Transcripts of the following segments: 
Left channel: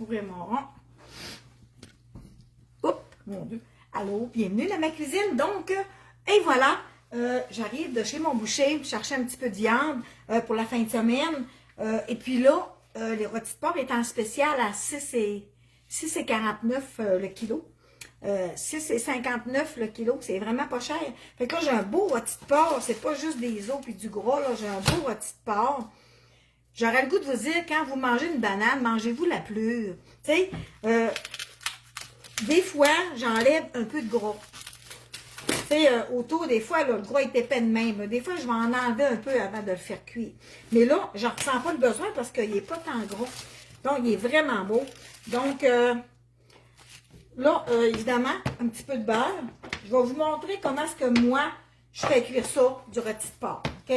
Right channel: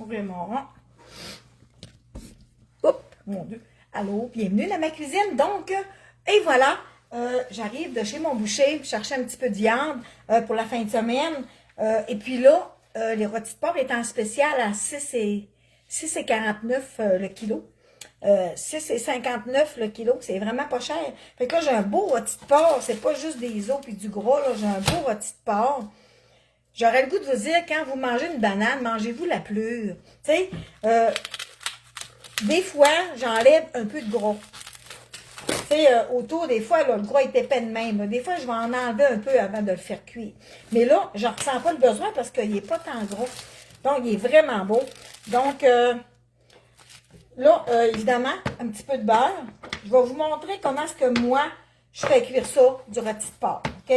Ouvrir mon rond. Oups, mon Dieu. Allô, bienvenue dans ma cuisine. Donc, et voilà, j'arrive de chez mon boucher, chercher un petit peu de viande pour la fin de semaine. Et puis là, les rôtis de porc étaient en spécial à 6,49 le kilo. 6,59 le kilo, c'est vraiment pas cher. Fait que là, j'ai un beau rôti de porc. C'est pas juste des os et du gras, là. J'ai un beau rôti de porc. J'aurais le goût de vous dire, quand vous mangez une banane, mangez-vous la plure. Tu sais, des fois, j'enlève un peu de gras. Tu sais, autour, des fois, là, le gras est épais de même. Des fois, je vais en enlever un peu avant de le faire cuire. Mais là, je ne ressens pas le besoin parce qu'il n'est pas tant gros. Donc, il est vraiment beau. Donc, là, évidemment, un petit peu de beurre. Je vais vous montrer comment est-ce que moi, je fais cuire ça, du rôti de porc. OK?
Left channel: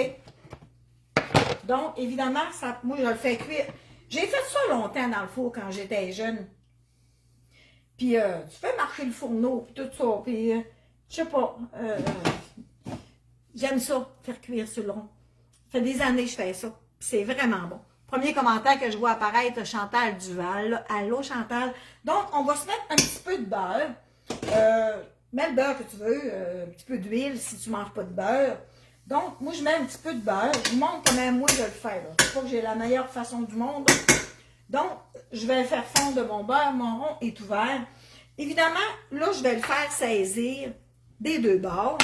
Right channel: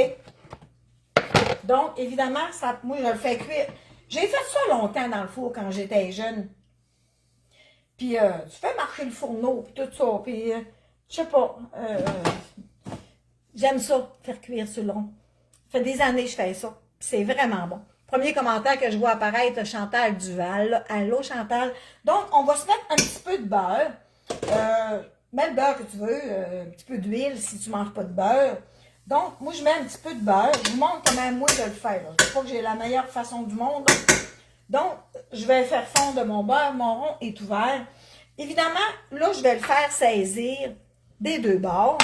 Donc, évidemment, ça, moi, je le fais cuire. J'ai fait ça longtemps dans le four quand j'étais jeune. Puis, tu fais marcher le fourneau, puis tout ça. Puis, je sais pas, j'aime ça, faire cuire sur le rond. Ça fait des années que je fais ça. C'est vraiment bon. Premier commentaire que je vois apparaître, Chantal Duval. Là. Allô, Chantal. Donc, on va se mettre un petit peu de beurre. Mets le beurre que tu veux. Un petit peu d'huile si tu ne manges pas de beurre. Donc, moi, je mets un petit peu de beurre. Je vous montre comment moi je le fais. Je ne sais pas que j'ai la meilleure façon du monde. Donc, je vais faire fondre mon beurre. Mon rond est ouvert. Évidemment, là, je vais le faire saisir des deux bords.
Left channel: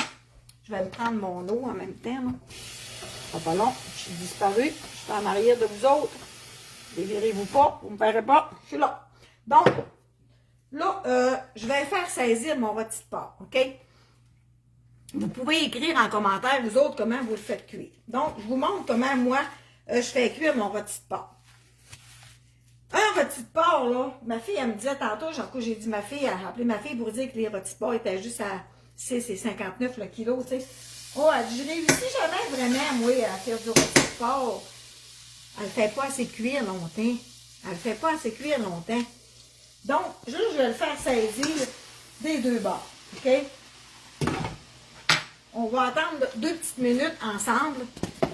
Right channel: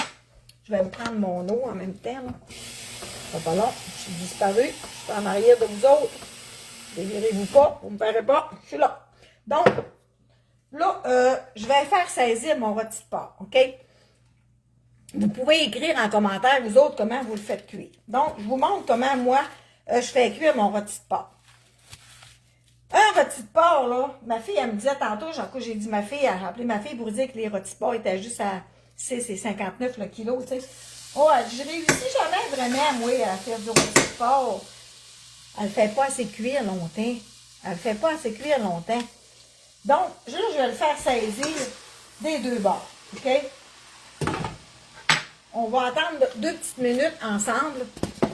Je vais me prendre mon eau en même temps. C'est pas long. Je suis disparue. Je suis en arrière de vous autres. Dévirez-vous pas. Vous ne me ferez pas. Je suis là. Donc, là, je vais faire saisir mon rôti de porc. OK? Vous pouvez écrire en commentaire, vous autres, comment vous le faites cuire. Donc, je vous montre comment, moi, je fais cuire mon rôti de porc. Un rôti de porc, là, ma fille, elle me disait tantôt, j'ai dit ma fille, elle a appelé ma fille pour dire que les rôtis de porc étaient juste à 6,59 le kilo, tu sais. Oh, je réussis jamais vraiment, moi, à faire du rôti de porc. Elle ne fait pas assez cuire longtemps. Elle ne fait pas assez cuire longtemps. Donc, là, je vais le faire saisir des deux bords, OK? On va attendre 2 petites minutes ensemble.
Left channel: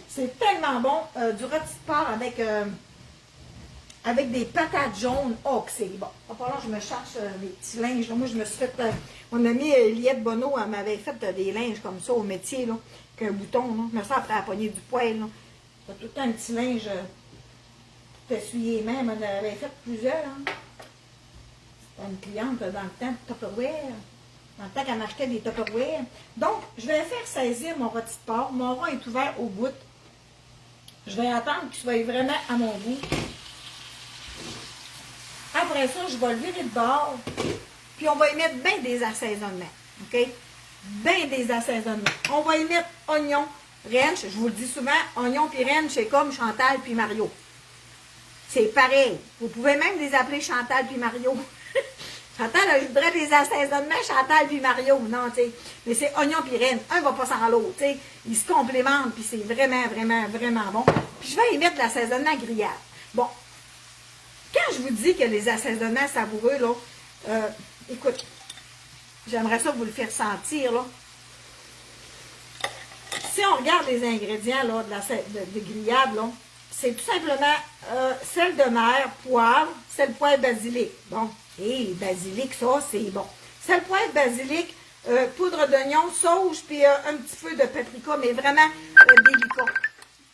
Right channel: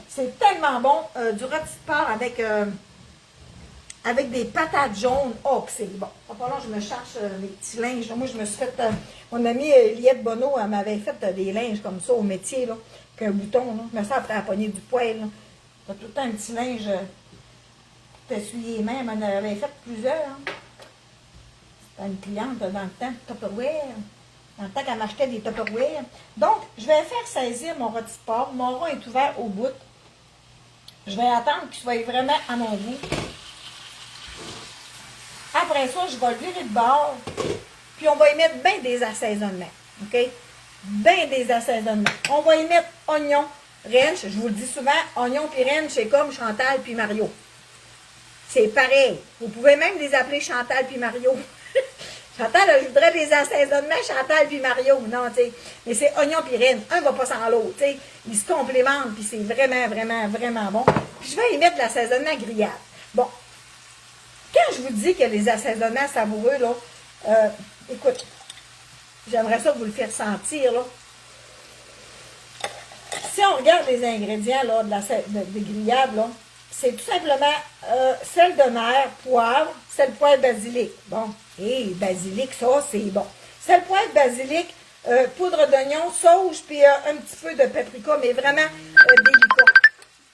C'est tellement bon, du rôti de porc avec des patates jaunes. Oh, que c'est bon. Là, je me cherche mes petits linges. Là. Moi, je me suis fait... mon amie Eliette Bonneau, elle m'avait fait des linges comme ça au métier, là, qu'un bouton. Là. Je me sens après la poignée du poêle. T'as tout le temps un petit linge pour t'essuyer les mains. Elle m'en avait fait plusieurs. Hein. C'était une cliente dans le temps, Tupperware. Dans le temps qu'elle achetait des Tupperware. Donc, je vais faire saisir mon rôti de porc. Mon rond est ouvert au bout. Je vais attendre qu'il soit vraiment à mon goût. Après ça, je vais le virer de bord. Puis, on va y mettre bien des assaisonnements. OK? Bien des assaisonnements. On va y mettre oignon, ranch. Je vous le dis souvent, oignon puis ranch, c'est comme Chantal puis Mario. C'est pareil. Vous pouvez même les appeler Chantal puis Mario. Chantal, je voudrais des assaisonnements, Chantal puis Mario. Non, tu sais. Mais c'est oignon puis ranch. Un va pas sans l'autre, tu sais. Ils se complémentent, puis c'est vraiment, vraiment, vraiment bon. Puis je vais y mettre de l'assaisonnement grillade. Bon. Quand je vous dis que les assaisonnements savoureux, là, écoute, j'aimerais ça vous le faire sentir, là. Si on regarde les ingrédients, là, de grillade, là, c'est tout simplement sel de mer, poivre, sel, poivre, basilic. Donc, basilic, ça, c'est bon. Sel, poivre, basilic, poudre d'oignon, sauge, puis un petit peu de paprika, mais vraiment délicat.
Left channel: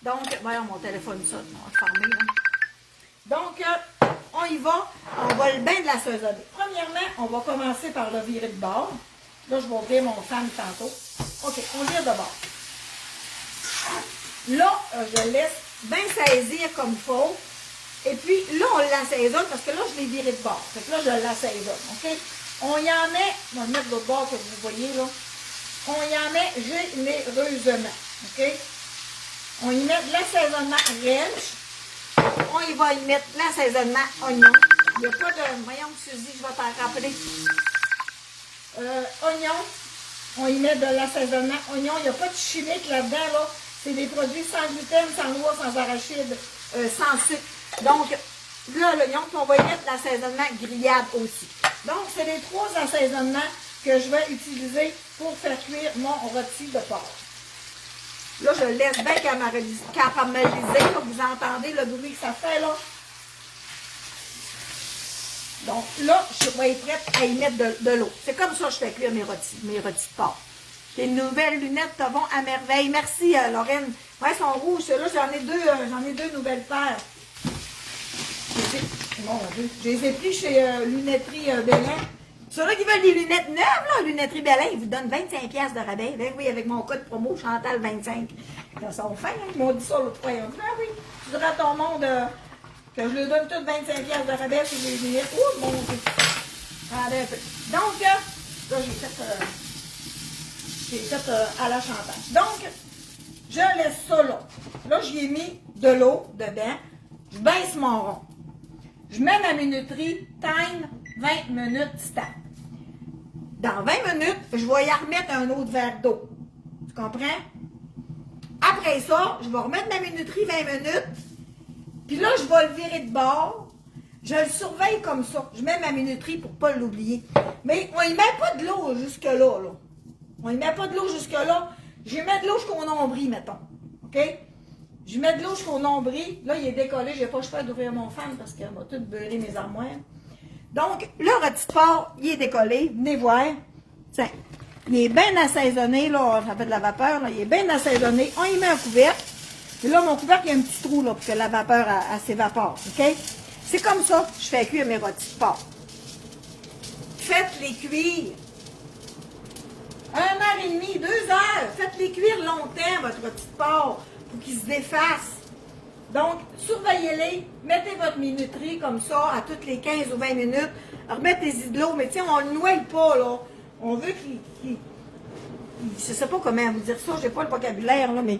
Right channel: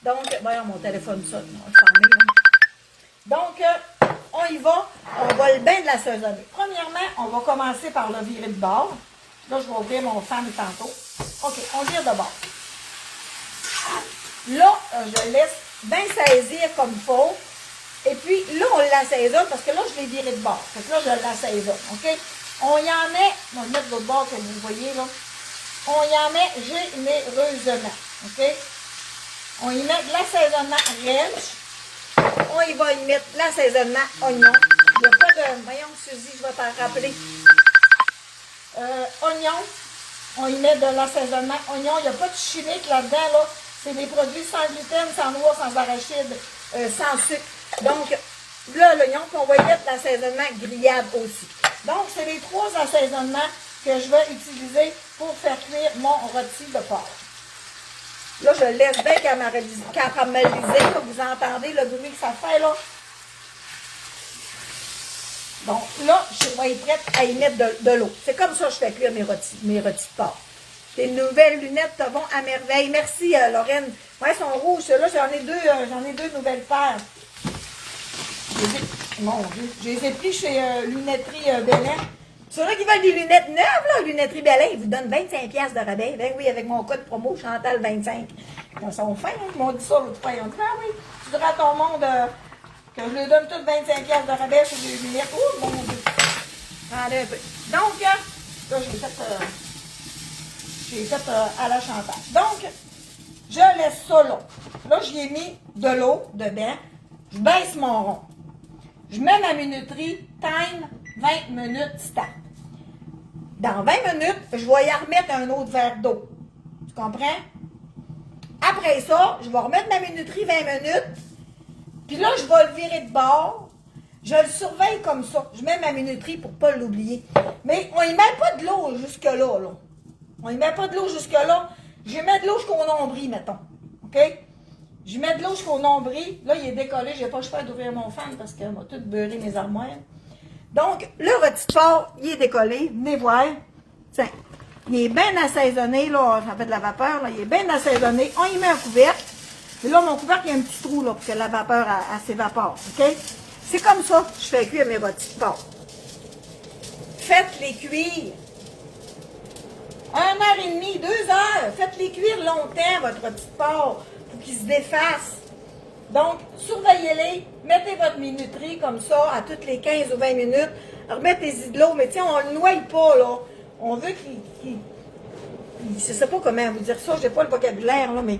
Donc, voyons, mon téléphone sonne, on va fermer, là. Donc, on y va, on va bien de l'assaisonner. Premièrement, on va commencer par le virer de bord. Là, je vais ouvrir mon fan tantôt. OK, on vire de bord. Là, je laisse bien saisir comme il faut. Et puis, là, on l'assaisonne parce que là, je l'ai viré de bord. Fait que là, je l'assaisonne, OK? On y en met, on va le mettre de bord comme vous voyez, là. On y en met généreusement, OK? On y met de l'assaisonnement ranch. On y va y mettre l'assaisonnement oignon. Il n'y a pas de... Voyons, Suzy, je vais t'en rappeler. Oignon. On y met de l'assaisonnement oignon. Il n'y a pas de chimique là-dedans, là. C'est des produits sans gluten, sans noix, sans arachide, sans sucre. Donc, là, l'oignon, puis on va y mettre l'assaisonnement grillade aussi. Donc, c'est les 3 assaisonnements que je vais utiliser pour faire cuire mon rôti de porc. Là, je le laisse bien caraméliser. Là, vous entendez le bruit que ça fait, là? Donc là, je vais être prête à y mettre de l'eau. C'est comme ça que je fais cuire mes rôtis de porc. Tes nouvelles lunettes te vont à merveille. Merci, Lorraine. Ouais, elles sont rouges. Là, j'en ai deux nouvelles paires. Mon Dieu. Je les ai pris chez Lunetterie Bélin. Ceux-là qui veulent des lunettes neuves, là, Lunetterie Bélin, ils vous donnent 25$ de rabais. Ben oui, avec mon code promo Chantal25. Ils sont fins, hein? Ils m'ont dit ça l'autre fois. Ils ont dit, ah oui, tu diras à ton monde que je leur donne toutes 25$ de rabais sur les lunettes. Oh, mon Dieu. Regardez un peu. Donc, là, j'ai fait à la Chantal. Donc, je laisse ça là. Là, j'y ai mis de l'eau dedans. Je baisse mon rond. Je mets ma minuterie, time 20 minutes start. Dans 20 minutes, je vais y remettre un autre verre d'eau. Tu comprends? Après ça, je vais remettre ma minuterie 20 minutes. Puis là, je vais le virer de bord. Je le surveille comme ça. Je mets ma minuterie pour ne pas l'oublier. Mais on y met pas de l'eau jusque-là. Là. On y met pas de l'eau jusque-là. Je mets de l'eau jusqu'au nombril, mettons. OK? Je mets de l'eau jusqu'au nombril. Là, il est décollé. Je n'ai pas le choix d'ouvrir mon fan parce qu'il m'a tout beurré mes armoires. Donc, le rôti de porc, il est décollé. Venez voir. Tiens, il est bien assaisonné. Là, ça fait de la vapeur. Là. Il est bien assaisonné. On y met un couvercle. Et là, mon couvercle, il y a un petit trou là, pour que la vapeur s'évapore. OK? C'est comme ça que je fais cuire mes rôtis de porc. Faites-les cuire 1h30, 2 heures. Faites-les cuire longtemps, votre rôti de porc, pour qu'ils se défassent. Donc, surveillez-les. Mettez votre minuterie comme ça, à toutes les 15 ou 20 minutes. Remettez-y de l'eau, mais tiens, on ne le noie pas, là. On veut qu'il... Je ne sais pas comment vous dire ça, je n'ai pas le vocabulaire, là, mais...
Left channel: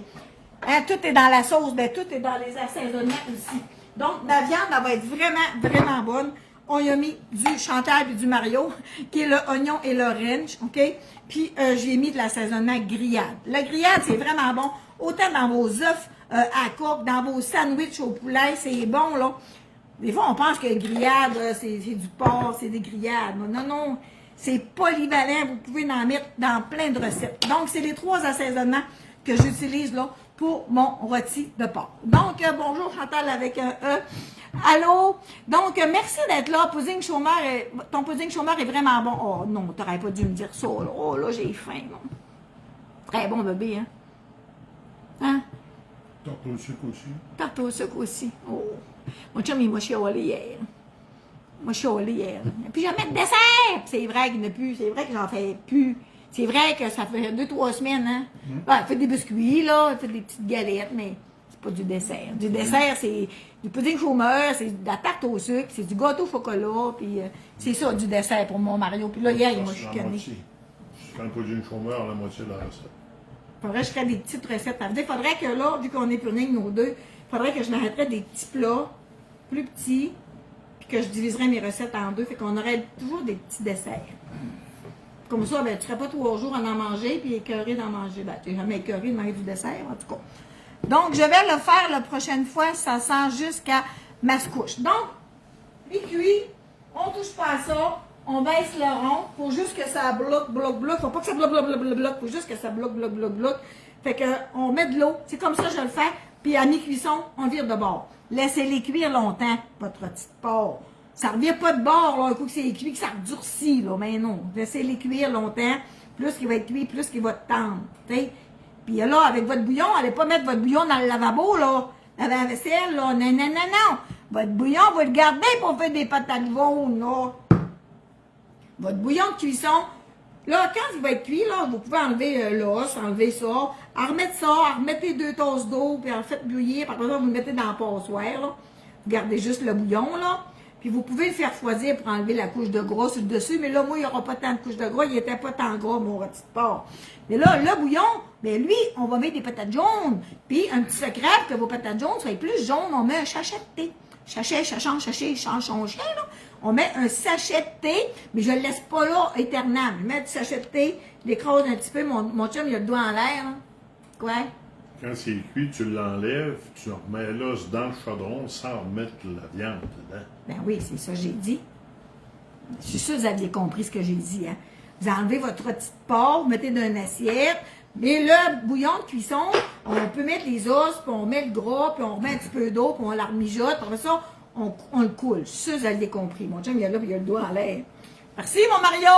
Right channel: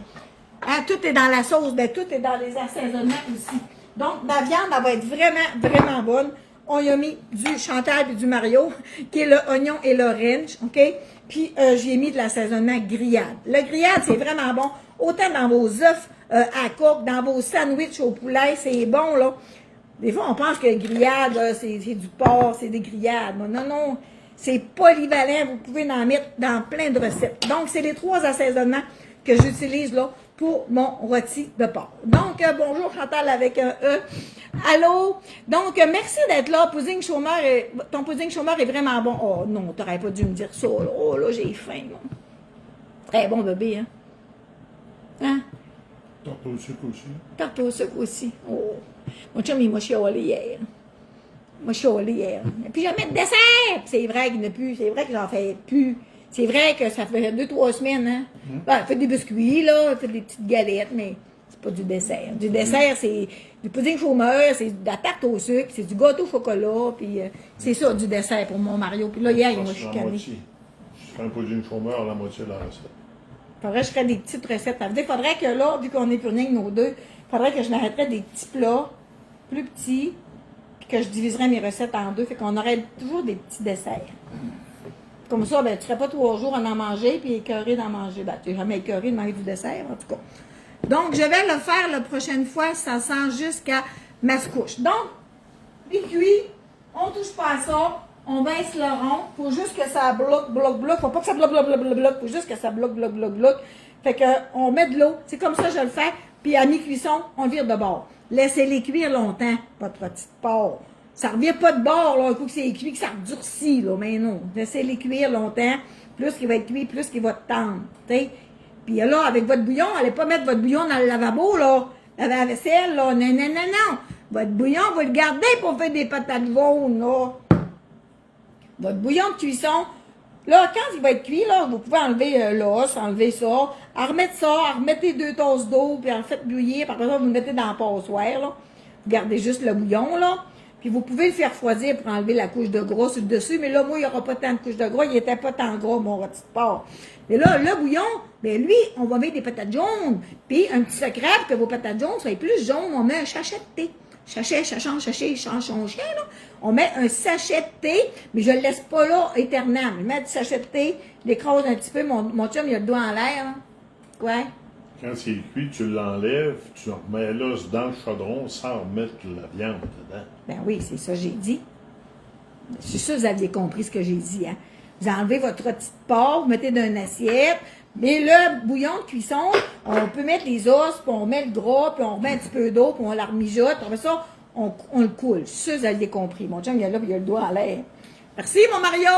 Hein, tout est dans la sauce, ben tout est dans les assaisonnements aussi. Donc, ma viande, elle va être vraiment, vraiment bonne. On y a mis du Chantal et du Mario, qui est le oignon et l'orange, OK? Puis, j'ai mis de l'assaisonnement grillade. Le grillade, c'est vraiment bon. Autant dans vos œufs à coque, dans vos sandwichs au poulet, c'est bon, là. Des fois, on pense que grillade, c'est du porc, c'est des grillades. Non, non, c'est polyvalent. Vous pouvez en mettre dans plein de recettes. Donc, c'est les 3 assaisonnements que j'utilise, là, pour mon rôti de porc. Donc, bonjour Chantal avec un E. Allô? Donc, merci d'être là. Pudding chômeur, ton pudding chômeur est vraiment bon. Oh non, t'aurais pas dû me dire ça. Là. Oh là, j'ai faim. Là. Très bon bébé, hein? Hein? Tarte au sucre aussi. Tarte au sucre aussi. Oh. Mon chum, il m'a chiolé hier. Moi, chiolé hier. Et puis, je vais mettre dessert. C'est vrai qu'il n'y en a plus. C'est vrai que j'en fais plus. C'est vrai que ça fait 2-3 semaines, hein? Ouais, faites des biscuits, là, faites des petites galettes, mais c'est pas du dessert. Du dessert, c'est du pudding chômeur, c'est de la tarte au sucre, c'est du gâteau au chocolat, puis c'est ça, du dessert pour mon Mario. Puis là, hier, il m'a chicané. C'est quand le pudding chômeur, la moitié de la recette. Faudrait que je ferais des petites recettes. Il faudrait que là, vu qu'on est pudding, nos deux, faudrait que je m'arrêterais des petits plats plus petits, puis que je diviserais mes recettes en deux, fait qu'on aurait toujours des petits desserts. Comme ça, ben, tu ne serais pas 3 jours à en manger, puis écœuré d'en manger. Ben, tu n'es jamais écœuré de manger du dessert, en tout cas. Donc, je vais le faire la prochaine fois, ça sent jusqu'à mascouche. Donc, les cuits, on ne touche pas à ça, on baisse le rond, il faut juste que ça bloque. Faut pas que ça bloque, faut juste que ça bloque. Fait que, on met de l'eau, c'est comme ça que je le fais, puis à mi-cuisson, on le vire de bord. Laissez-les cuire longtemps, votre petite porc. Ça ne revient pas de bord, là, un coup que c'est cuit, que ça durcit, là, mais non. Laissez-les cuire longtemps. Plus qu'il va être cuit, plus qu'il va tendre. T'sais. Puis là, avec votre bouillon, allez pas mettre votre bouillon dans le lavabo, là. Dans la vaisselle, là. Non. Votre bouillon, vous le gardez pour faire des patates jaunes, là. Votre bouillon de cuisson, là, quand il va être cuit, là, vous pouvez enlever l'os, enlever ça, remettre ça, remettez 2 tasses d'eau, puis en faites bouillir. Puis après ça, vous le mettez dans la passoire, là. Vous gardez juste le bouillon, là. Puis vous pouvez le faire refroidir pour enlever la couche de gras sur le dessus. Mais là, moi, il n'y aura pas tant de couche de gras. Il n'était pas tant gras, mon rôti de porc. Mais là, le bouillon, bien lui, on va mettre des patates jaunes. Puis un petit secret pour que vos patates jaunes soient plus jaunes, on met un sachet de thé. Sachet, là. On met un sachet de thé, mais je ne le laisse pas là éternellement. Je mets du sachet de thé, je l'écrase un petit peu. Mon chum, il a le doigt en l'air. Là. Quoi? Quand c'est cuit, tu l'enlèves, tu remets l'os dans le chaudron sans remettre la viande dedans. Ben oui, c'est ça que j'ai dit. Je suis sûre que vous aviez compris ce que j'ai dit. Hein? Vous enlevez votre rôti de porc, vous mettez dans une assiette. Mais le bouillon de cuisson, on peut mettre les os, puis on met le gras, puis on remet un petit peu d'eau, puis on la remijote. Après ça, on le coule. Je suis sûre que vous avez compris. Mon chum, il est là, puis il a le doigt à l'air. Merci, mon Mario!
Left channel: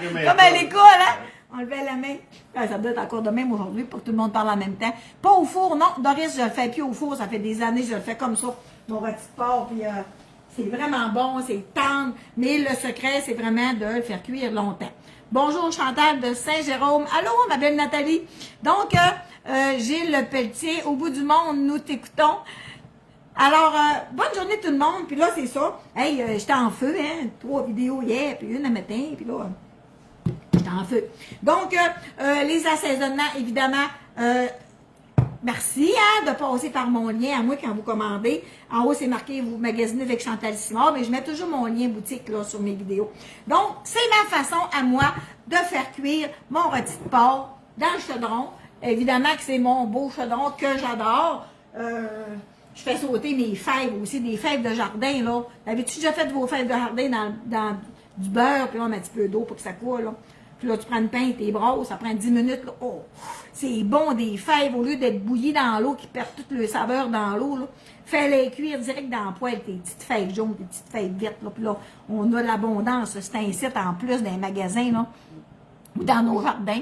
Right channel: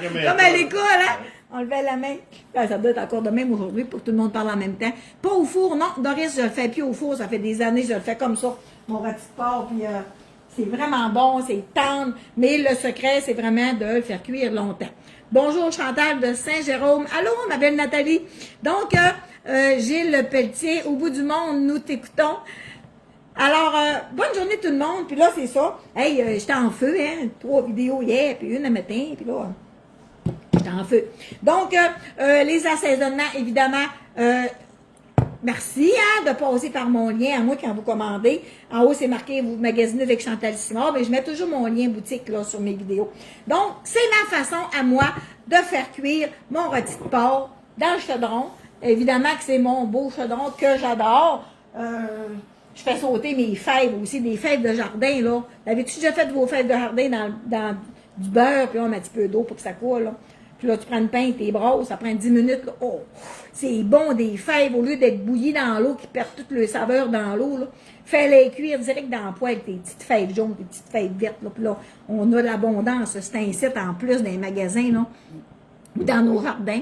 Comme Comme à l'école, hein? On levait la main. Ça doit être encore de même aujourd'hui pour que tout le monde parle en même temps. Pas au four, non. Doris, je le fais plus au four. Ça fait des années que je le fais comme ça. Mon rôti de porc, puis c'est vraiment bon, c'est tendre. Mais le secret, c'est vraiment de le faire cuire longtemps. Bonjour Chantal de Saint-Jérôme. Allô, ma belle Nathalie. Donc, Gilles Le Pelletier, au bout du monde, nous t'écoutons. Alors, bonne journée tout le monde. Puis là, c'est ça. Hey, j'étais en feu, hein. 3 vidéos hier, puis une le matin, puis là, j'étais en feu. Donc, les assaisonnements, évidemment, merci de passer par mon lien, à moi quand vous commandez. En haut, c'est marqué, vous magasinez avec Chantal Simard, mais je mets toujours mon lien boutique là sur mes vidéos. Donc, c'est ma façon à moi de faire cuire mon rôti de porc dans le chaudron. Évidemment que c'est mon beau chaudron que j'adore. Je fais sauter mes fèves aussi, des fèves de jardin, là. Avez-tu déjà fait vos fèves de jardin dans du beurre, puis là, on met un petit peu d'eau pour que ça coule, là. Puis là, tu prends une pinte, t'es brosses, ça prend 10 minutes, là. Oh! C'est bon, des fèves, au lieu d'être bouillies dans l'eau, qui perdent toute le saveur dans l'eau, là. Fais-les cuire direct dans la poêle, tes petites fèves jaunes, tes petites fèves vertes, là. Puis là, on a de l'abondance, c'est un site en plus dans les magasins, là, ou dans nos jardins.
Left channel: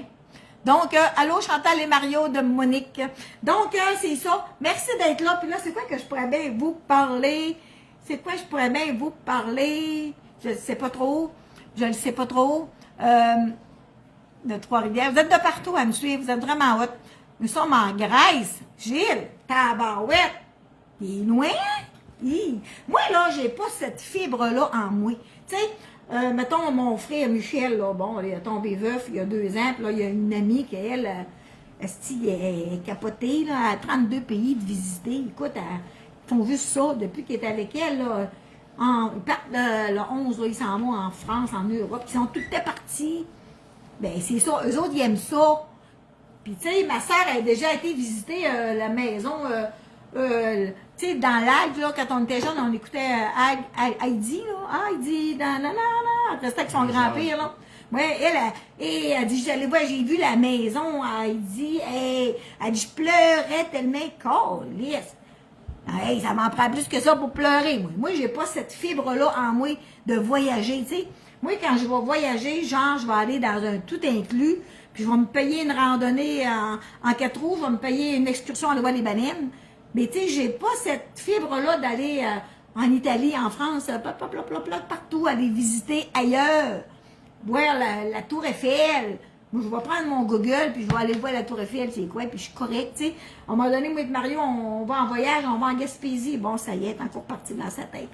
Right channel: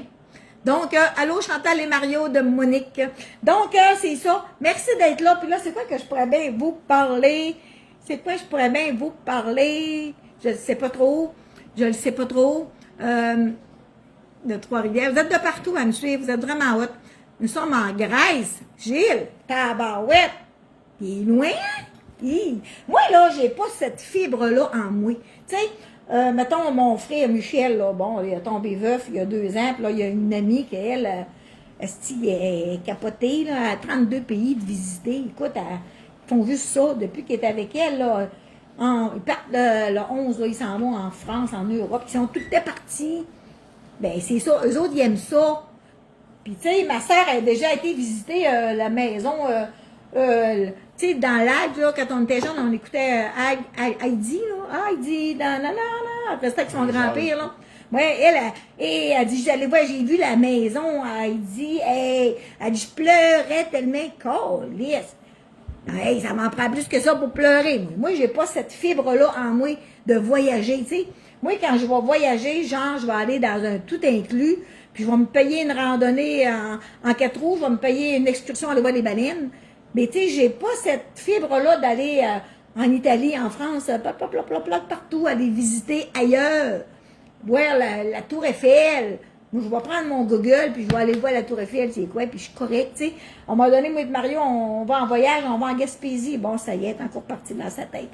Donc, allô Chantal et Mario de Monique. Donc, c'est ça. Merci d'être là. Puis là, c'est quoi que je pourrais bien vous parler? C'est quoi je pourrais bien vous parler? Je ne sais pas trop. Je ne sais pas trop. De Trois-Rivières. Vous êtes de partout à me suivre. Vous êtes vraiment hot. Nous sommes en Grèce. Gilles, tabarouette. T'es loin? Moi, là, j'ai pas cette fibre-là en moi. Tu sais, mettons, mon frère Michel, là, bon, il a tombé veuf il y a 2 ans, puis là, il y a une amie qui, elle, est capotée, là, à 32 pays de visiter. Écoute, ils font juste ça depuis qu'il est avec elle, là. Ils partent le 11, là, ils s'en vont en France, en Europe, ils sont tous partis. Ben, c'est ça, eux autres, ils aiment ça. Puis, tu sais, ma sœur a déjà été visiter la maison, tu sais, dans l'Ag, là, quand on était jeune, on écoutait Heidi, là. Heidi, dans la. Elle restait avec son grand-père, là. Ouais, elle dit, j'allais voir, j'ai vu la maison, Heidi, elle dit, je pleurais tellement, câlisse. Hey, ça m'en prend plus que ça pour pleurer, moi. Moi, j'ai pas cette fibre-là en moi de voyager, tu sais. Moi, quand je vais voyager, genre, je vais aller dans un tout inclus, puis je vais me payer une randonnée en 4 roues, je vais me payer une excursion à aller voir les baleines. Mais tu sais, j'ai pas cette fibre-là d'aller en Italie, en France, partout, aller visiter ailleurs, voir la Tour Eiffel. Moi, je vais prendre mon Google, puis je vais aller voir la Tour Eiffel, c'est quoi, puis je suis correcte, tu sais. À un moment donné, moi et Mario, on va en voyage, on va en Gaspésie. Bon, ça y est, encore parti dans sa tête.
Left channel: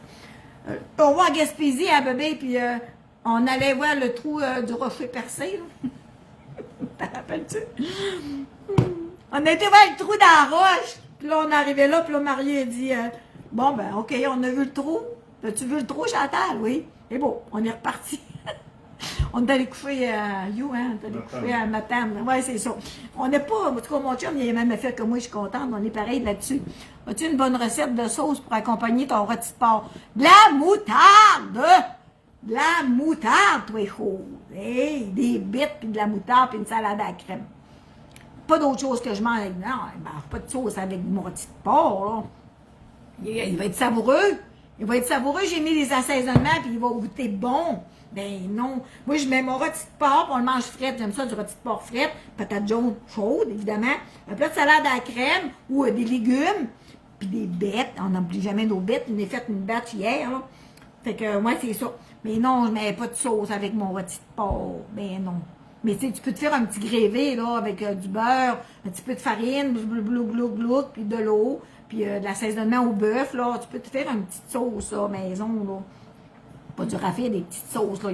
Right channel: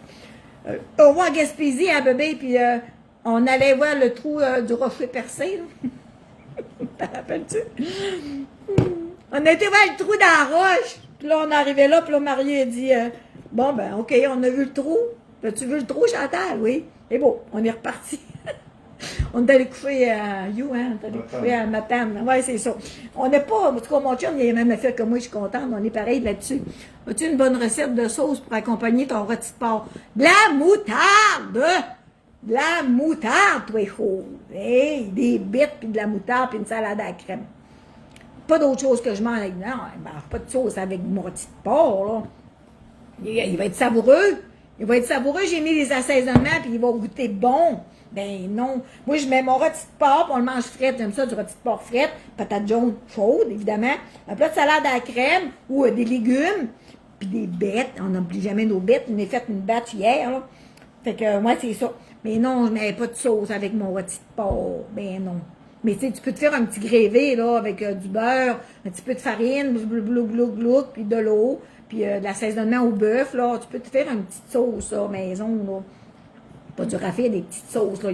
On va en Gaspésie, à bébé, puis on allait voir le trou du rocher percé, là. T'en rappelles-tu? On a été voir le trou dans la roche. Puis là, on est arrivé là, puis là, Marie a dit bon, ben, OK, on a vu le trou. As-tu vu le trou, Chantal? Oui. Et bon, on est reparti. On est allé coucher à You, hein? On est allé coucher à Matane. Oui, c'est ça. On n'est pas, en tout cas, mon chum, il a le même effet que moi, je suis contente. On est pareil là-dessus. As-tu une bonne recette de sauce pour accompagner ton rôti de porc? De la moutarde! De la moutarde, toi, chaud. Hey, des bites, puis de la moutarde, puis une salade à la crème. Pas d'autre chose que je mange. Non, il ne mange pas de sauce avec mon rôti de porc, là. Il va être savoureux. Il va être savoureux. J'ai mis les assaisonnements, puis il va goûter bon. Ben non. Moi, je mets mon rôti de porc, puis on le mange frais. J'aime ça, du rôti de porc frais. Patate jaune chaude, évidemment. Un plat de salade à la crème ou des légumes. Puis des bêtes. On n'a plus jamais nos bêtes. On a fait une batch hier, là. Fait que, moi, c'est ça. Mais non, je ne mets pas de sauce avec mon rôti de porc. Ben non. Mais tu peux te faire un petit grévé, là, avec du beurre, un petit peu de farine, puis de l'eau, puis de l'assaisonnement au bœuf, là. Tu peux te faire une petite sauce, là, maison, là. Pas dur à faire, des petites sauces, là.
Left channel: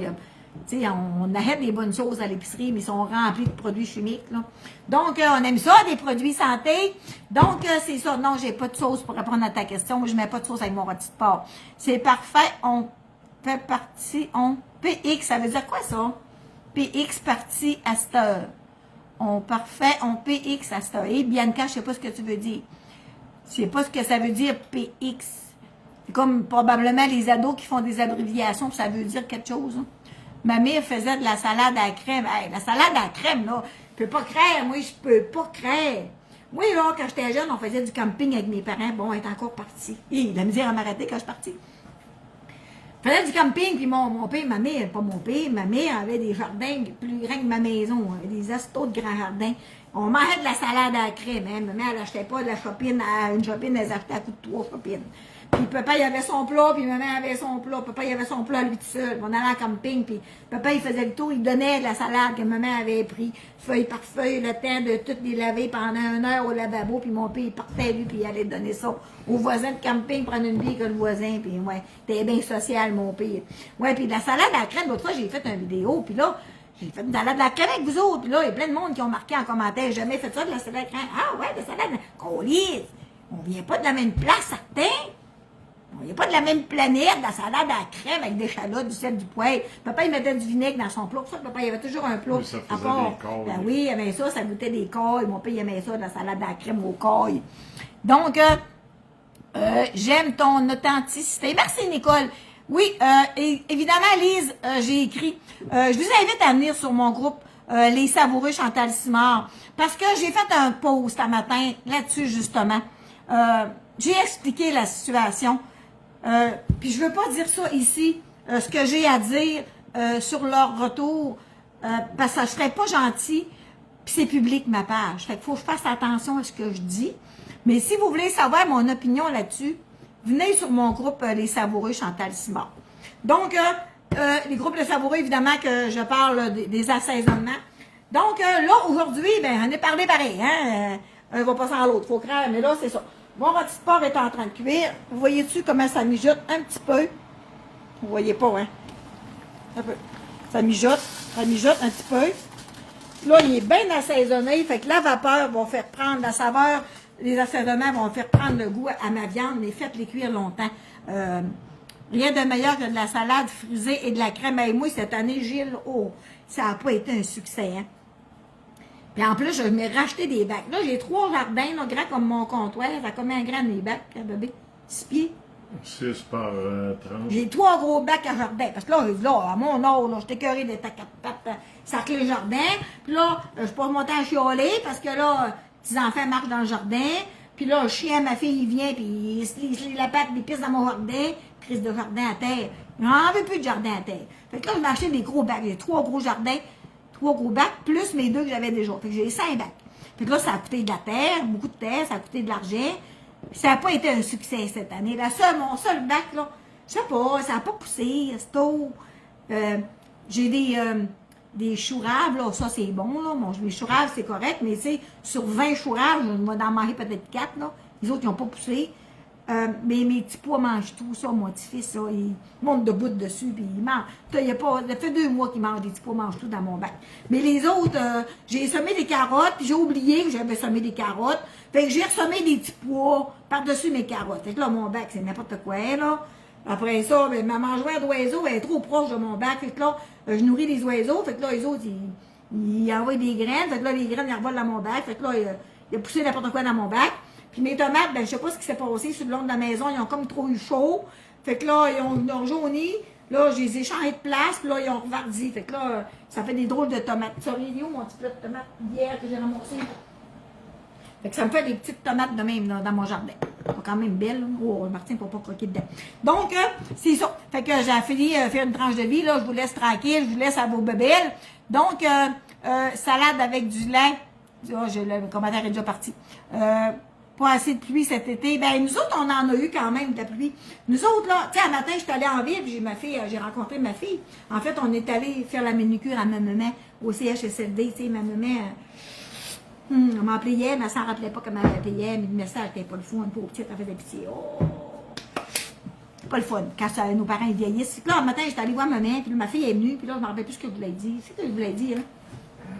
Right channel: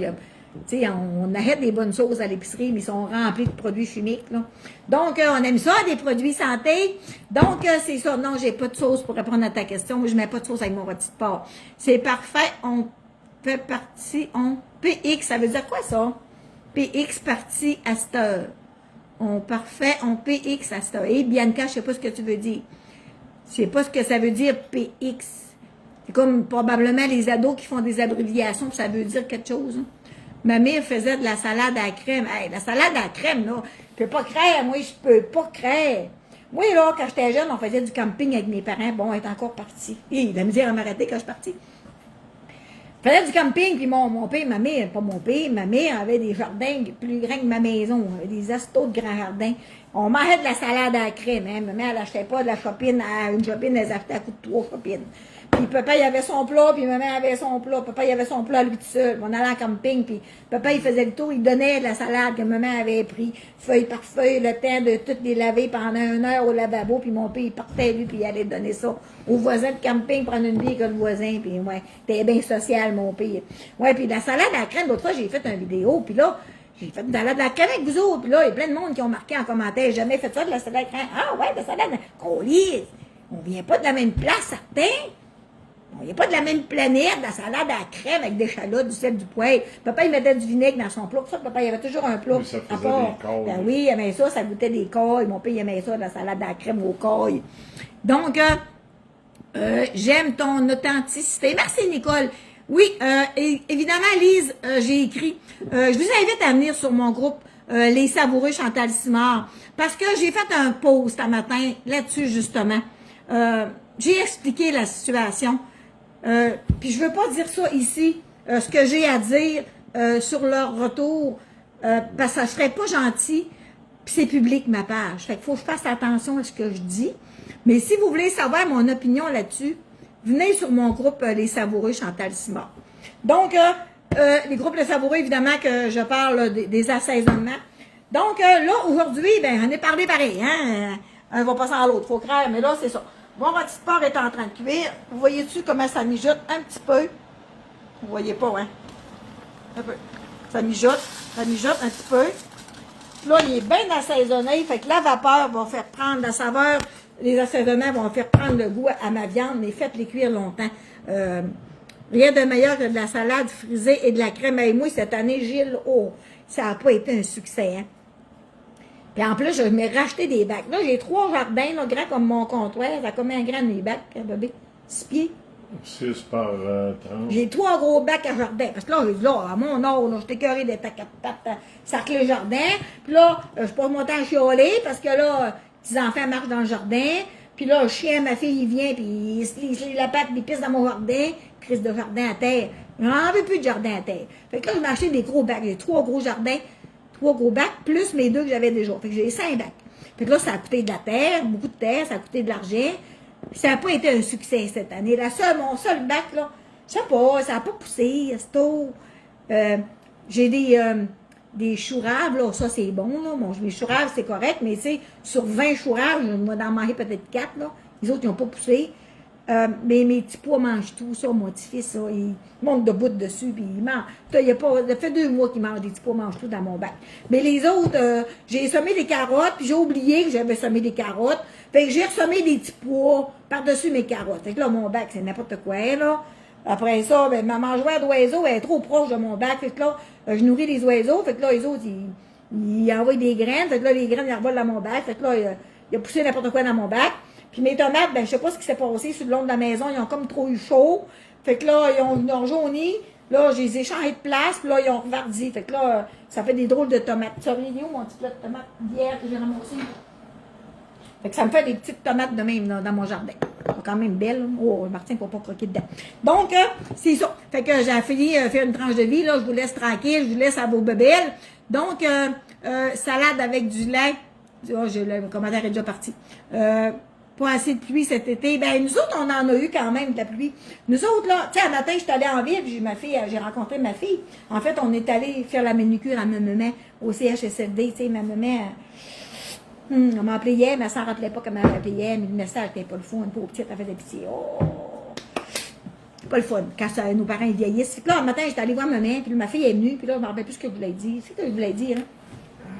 Tu sais, on achète des bonnes sauces à l'épicerie, mais ils sont remplis de produits chimiques, là. Donc, on aime ça, des produits santé. Donc, c'est ça. Non, j'ai pas de sauce pour répondre à ta question. Je mets pas de sauce avec mon rôti de porc. C'est parfait. On fait partie, PX, ça veut dire quoi, ça? PX partie à cette heure. On PX à cette heure. Et Bianca, je sais pas ce que tu veux dire. Je sais pas ce que ça veut dire PX. C'est comme probablement les ados qui font des abréviations, puis ça veut dire quelque chose. Hein. Ma mère faisait de la salade à la crème. Hey, la salade à la crème, là, je peux pas craindre. Moi, je peux pas craindre. Moi, là, quand j'étais jeune, on faisait du camping avec mes parents. Bon, elle est encore partie. Il a misère à m'arrêter quand je suis partie. On faisait du camping, puis mon père, ma mère, pas mon père, ma mère avait des jardins plus grands que ma maison, des astos de grands jardins. On mangeait de la salade à la crème, hein. Ma mère, elle n'achetait pas de la chopine, une chopine, elle achetait à coup de 3 chopines. Puis papa, il avait son plat, puis maman avait son plat. Papa, il avait son plat lui tout seul. On allait en camping, puis papa, il faisait le tour, il donnait de la salade que maman avait pris, feuille par feuille, le temps de toutes les laver pendant 1 heure au lavabo, puis mon père, il partait, lui, puis il allait donner ça au voisin de camping, prendre une bière que le voisin, puis ouais, c'était bien social, mon père. Ouais, puis la salade à la crème, l'autre fois, j'ai fait une vidéo, puis là, j'ai fait de la salade à la crème avec vous autres, puis là, il y a plein de monde qui ont marqué en commentaire, j'ai jamais fait ça, de la salade à la crème. Ah ouais, de la salade, qu'on lise. On vient pas de la même place, certains. Il n'y a pas de la même planète, de la salade à la crème avec des échalotes, du sel, du poivre. Papa, il mettait du vinaigre dans son plat. Pour ça, papa, il avait toujours un plat. Oui, ça faisait à part. des cailles. Ben oui, il aimait ça, ça goûtait des cailles. Mon père, il aimait ça, de la salade à la crème aux cailles. Donc, j'aime ton authenticité. Merci, Nicole. Oui, évidemment, Lise, j'ai écrit. Je vous invite à venir sur mon groupe Les Savoureux Chantal Simard. Parce que j'ai fait un post un matin là-dessus, justement. J'ai expliqué la situation. Puis je veux pas dire ça ici, ce que j'ai à dire sur leur retour, parce que ça serait pas gentil, puis c'est public ma page. Fait qu'il faut que je fasse attention à ce que je dis. Mais si vous voulez savoir mon opinion là-dessus, venez sur mon groupe Les Savoureux Chantal Simard. Donc, les groupes Les Savoureux, évidemment que je parle des assaisonnements. Donc, là, aujourd'hui, ben, on est parlé pareil, hein? Un va passer à l'autre, faut craindre, mais là, c'est ça. Mon rôti porc est en train de cuire. Vous voyez-tu comment ça mijote un petit peu? Vous voyez pas, hein? Un peu. Ça mijote un petit peu. Là, il est bien assaisonné, fait que la vapeur va faire prendre la saveur. Les assaisonnements vont faire prendre le goût à ma viande, mais faites-les cuire longtemps. Rien de meilleur que de la salade frisée et de la crème à émouille. Cette année, Gilles, oh, ça n'a pas été un succès, hein? Puis en plus, je m'ai racheté des bacs. Là, j'ai 3 jardins, là, grands comme mon comptoir. Ça combien grand mes bacs, hein, bébé? 6 pieds. 6 par 30. J'ai 3 gros bacs à jardin. Parce que là, à mon âge, là, j'étais écœurée d'être à 4 pattes, cercler le jardin. Puis là, je suis pas montée à chialer parce que là, les enfants marchent dans le jardin. Puis là, le chien, ma fille, il vient, puis il se lit la patte, il pisse dans mon jardin. Crise de jardin à terre. Il n'en veut plus de jardin à terre. Fait que là, je m'ai acheté des gros bacs. J'ai 3 gros jardins. 3 gros bacs, plus mes 2 que j'avais déjà. Fait que j'ai 5 bacs. Fait que là, ça a coûté de la terre, beaucoup de terre, ça a coûté de l'argent. Ça n'a pas été un succès cette année. Mon seul bac, là, je sais pas, ça n'a pas poussé, c'est tôt. J'ai des choux-raves, là, ça c'est bon, là. Bon, mes choux-raves, c'est correct, mais tu sais, sur 20 choux-raves, je vais en manger peut-être 4, là. Les autres, ils n'ont pas poussé. Mais mes petits pois mangent tout, ça, mon petit-fils, ça, il monte debout dessus, puis il mange. Ça fait 2 mois qu'il mange des petits pois, mange tout dans mon bac. Mais les autres, j'ai semé des carottes, puis j'ai oublié que j'avais semé des carottes. Fait que j'ai ressemé des petits pois par-dessus mes carottes. Fait que là, mon bac, c'est n'importe quoi, là. Après ça, ben, ma mangeoire d'oiseaux, elle est trop proche de mon bac. Fait que là, je nourris les oiseaux. Fait que là, les autres, ils envoient des graines. Fait que là, les graines, ils revolent dans mon bac. Fait que là, il a poussé n'importe quoi dans mon bac. Puis mes tomates, ben, je sais pas ce qui s'est passé sur le long de la maison. Ils ont comme trop eu chaud. Fait que là, ils ont jauni. Là, je les ai changés de place. Puis là, ils ont revardi. Fait que là, ça fait des drôles de tomates. Tu sais, où mon petit plat de tomates d'hier que j'ai ramassé? Fait que ça me fait des petites tomates de même là, dans mon jardin. Elles sont quand même belles. Oh, Martin ne peut pas croquer dedans. Donc, c'est ça. Fait que j'ai fini de faire une tranche de vie. Là, je vous laisse tranquille. Je vous laisse à vos bébelles. Donc, salade avec du lait. Oh, le commentaire est déjà parti. Pas assez de pluie cet été. Ben, nous autres, on en a eu quand même de la pluie. Nous autres, là, tu sais, un matin, je suis allée en ville, puis j'ai rencontré ma fille. En fait, on est allé faire la manucure à ma maman au CHSLD. Tu sais, ma maman, on m'a appelé hier, mais elle s'en rappelait pas comment elle m'appelait hier, mais le message n'était pas le fun. Une pauvre petite, elle faisait pitié. Oh! Pas le fun, quand nos parents vieillissent. Puis là, un matin, j'étais allée voir ma mère, puis ma fille est venue, puis là, je me rappelle plus ce que je voulais dire. C'est ce que je voulais dire, hein?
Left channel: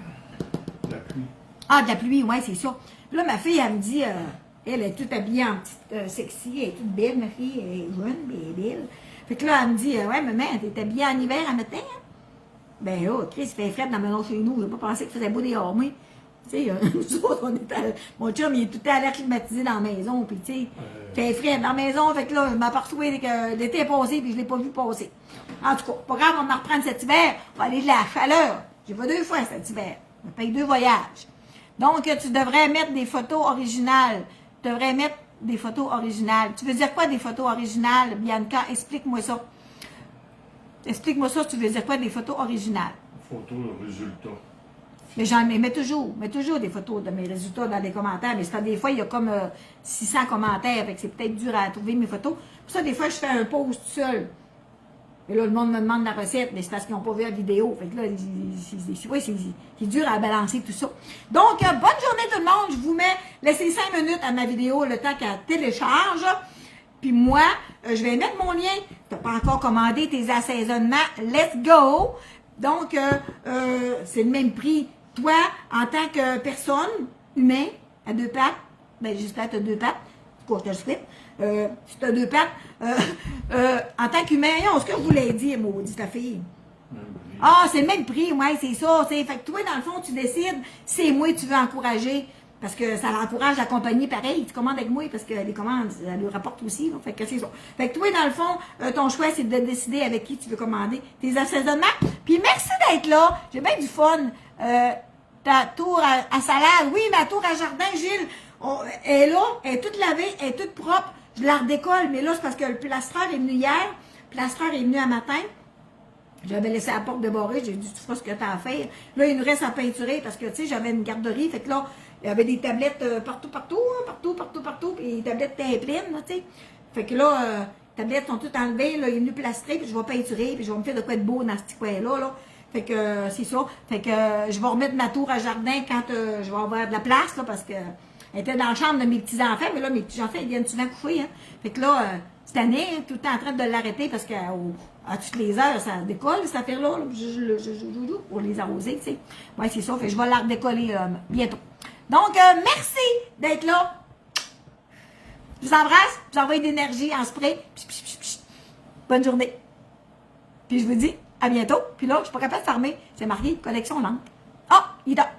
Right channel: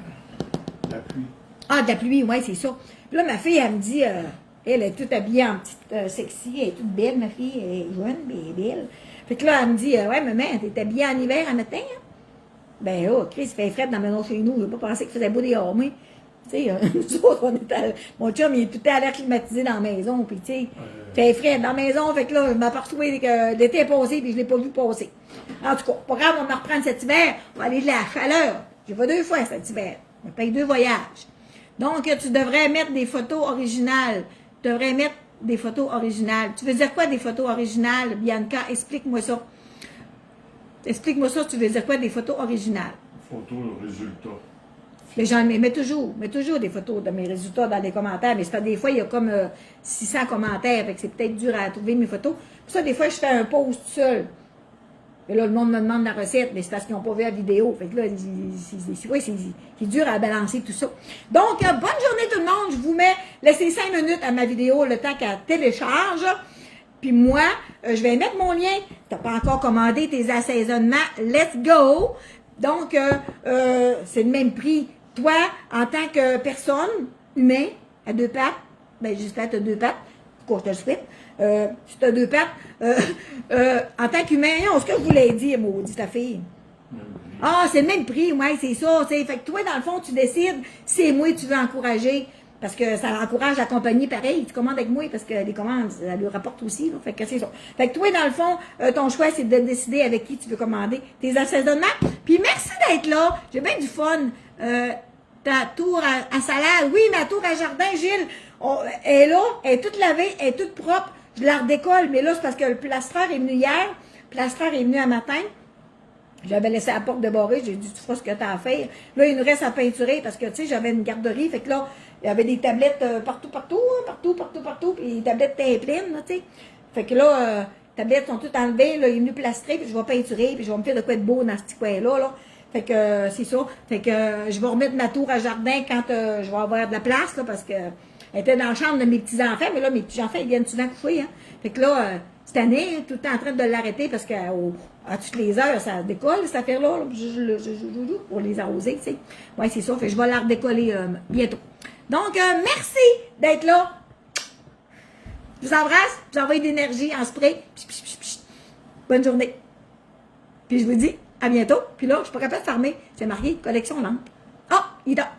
La pluie. Ah, de la pluie, ouais, c'est ça. Puis là, ma fille, elle me dit, elle est toute habillée en petite sexy, elle est toute belle, ma fille, elle est jeune, mais elle est belle. Fait que là, elle me dit, ouais, maman, t'es habillée en hiver à matin, hein? Ben, oh, Chris, il fait frais dans la maison chez nous, je n'ai pas pensé qu'il faisait beau dehors, moi. Tu sais, nous autres, mon chum, il est tout le temps à l'air climatisé dans la maison, puis tu sais, fait frais dans la maison, fait que là, je m'aperçois que l'été est passé, puis je ne l'ai pas vu passer. En tout cas, pas grave, on va reprendre cet hiver, on va aller de la chaleur. J'ai pas 2 fois cet hiver, on paye 2 voyages. Donc, tu devrais mettre des photos originales. Tu devrais mettre des photos originales. Tu veux dire quoi, des photos originales, Bianca? Explique-moi ça. Explique-moi ça, tu veux dire quoi, des photos originales? Photo, résultat. Les gens mets toujours des photos de mes résultats dans les commentaires, mais c'est pas des fois, il y a comme 600 commentaires, fait que c'est peut-être dur à trouver mes photos. Pour ça, des fois, je fais un post tout seul. Et là, le monde me demande la recette, mais c'est parce qu'ils n'ont pas vu la vidéo. Fait que là, c'est dur à balancer tout ça. Donc, bonne journée tout le monde. Je vous mets, laissez 5 minutes à ma vidéo, le temps qu'elle télécharge. Puis moi, je vais mettre mon lien. Tu n'as pas encore commandé tes assaisonnements. Let's go! Donc, c'est le même prix. Toi, en tant que personne, humain, à 2 pattes, ben j'espère que tu as 2 pattes. Pourquoi je te le souhaite? Si tu as 2 pattes, en tant qu'humain, ce que vous voulez dire, maudit ta fille? Ah, c'est le même prix, ouais, c'est ça. Fait que toi, dans le fond, tu décides si c'est moi que tu veux encourager. Parce que ça encourage la compagnie pareil. Tu commandes avec moi parce que les commandes, ça lui rapporte aussi. Là, fait que c'est ça. Fait que toi, dans le fond, ton choix, c'est de décider avec qui tu veux commander tes assaisonnements. Puis merci d'être là. J'ai bien du fun. Ta tour à salade. Oui, ma tour à jardin, Gilles. Elle est là. Elle est toute lavée. Elle est toute propre. Je la redécolle. Mais là, c'est parce que le plastreur est venu hier. Le plastreur est venu un matin. J'avais laissé la porte débarrée. J'ai dit, tu feras ce que tu as à faire. Là, il nous reste à peinturer parce que, tu sais, j'avais une garderie. Fait que là, il y avait des tablettes partout. Puis les tablettes étaient pleines, tu sais. Fait que là, les tablettes sont toutes enlevées. Là, il est venu plastrer. Puis je vais peinturer. Puis je vais me faire de quoi de beau dans ce petit coin-là. Là. Fait que c'est ça. Fait que je vais remettre ma tour à jardin quand je vais avoir de la place. Là, parce que elle était dans la chambre de mes petits-enfants. Mais là, mes petits-enfants, ils viennent souvent coucher. Hein. Fait que là, cette année, tout le temps en train de l'arrêter parce qu'à toutes les heures, ça décolle, cette affaire-là, pour les arroser, tu sais. Oui, c'est ça. Fait que je vais la redécoller bientôt. Donc, merci d'être là. Je vous embrasse. Je vous envoie de l'énergie en spray. Bonne journée. Puis je vous dis à bientôt. Puis là, je ne suis pas capable de fermer. C'est marqué collection lampe. Ah, il est là.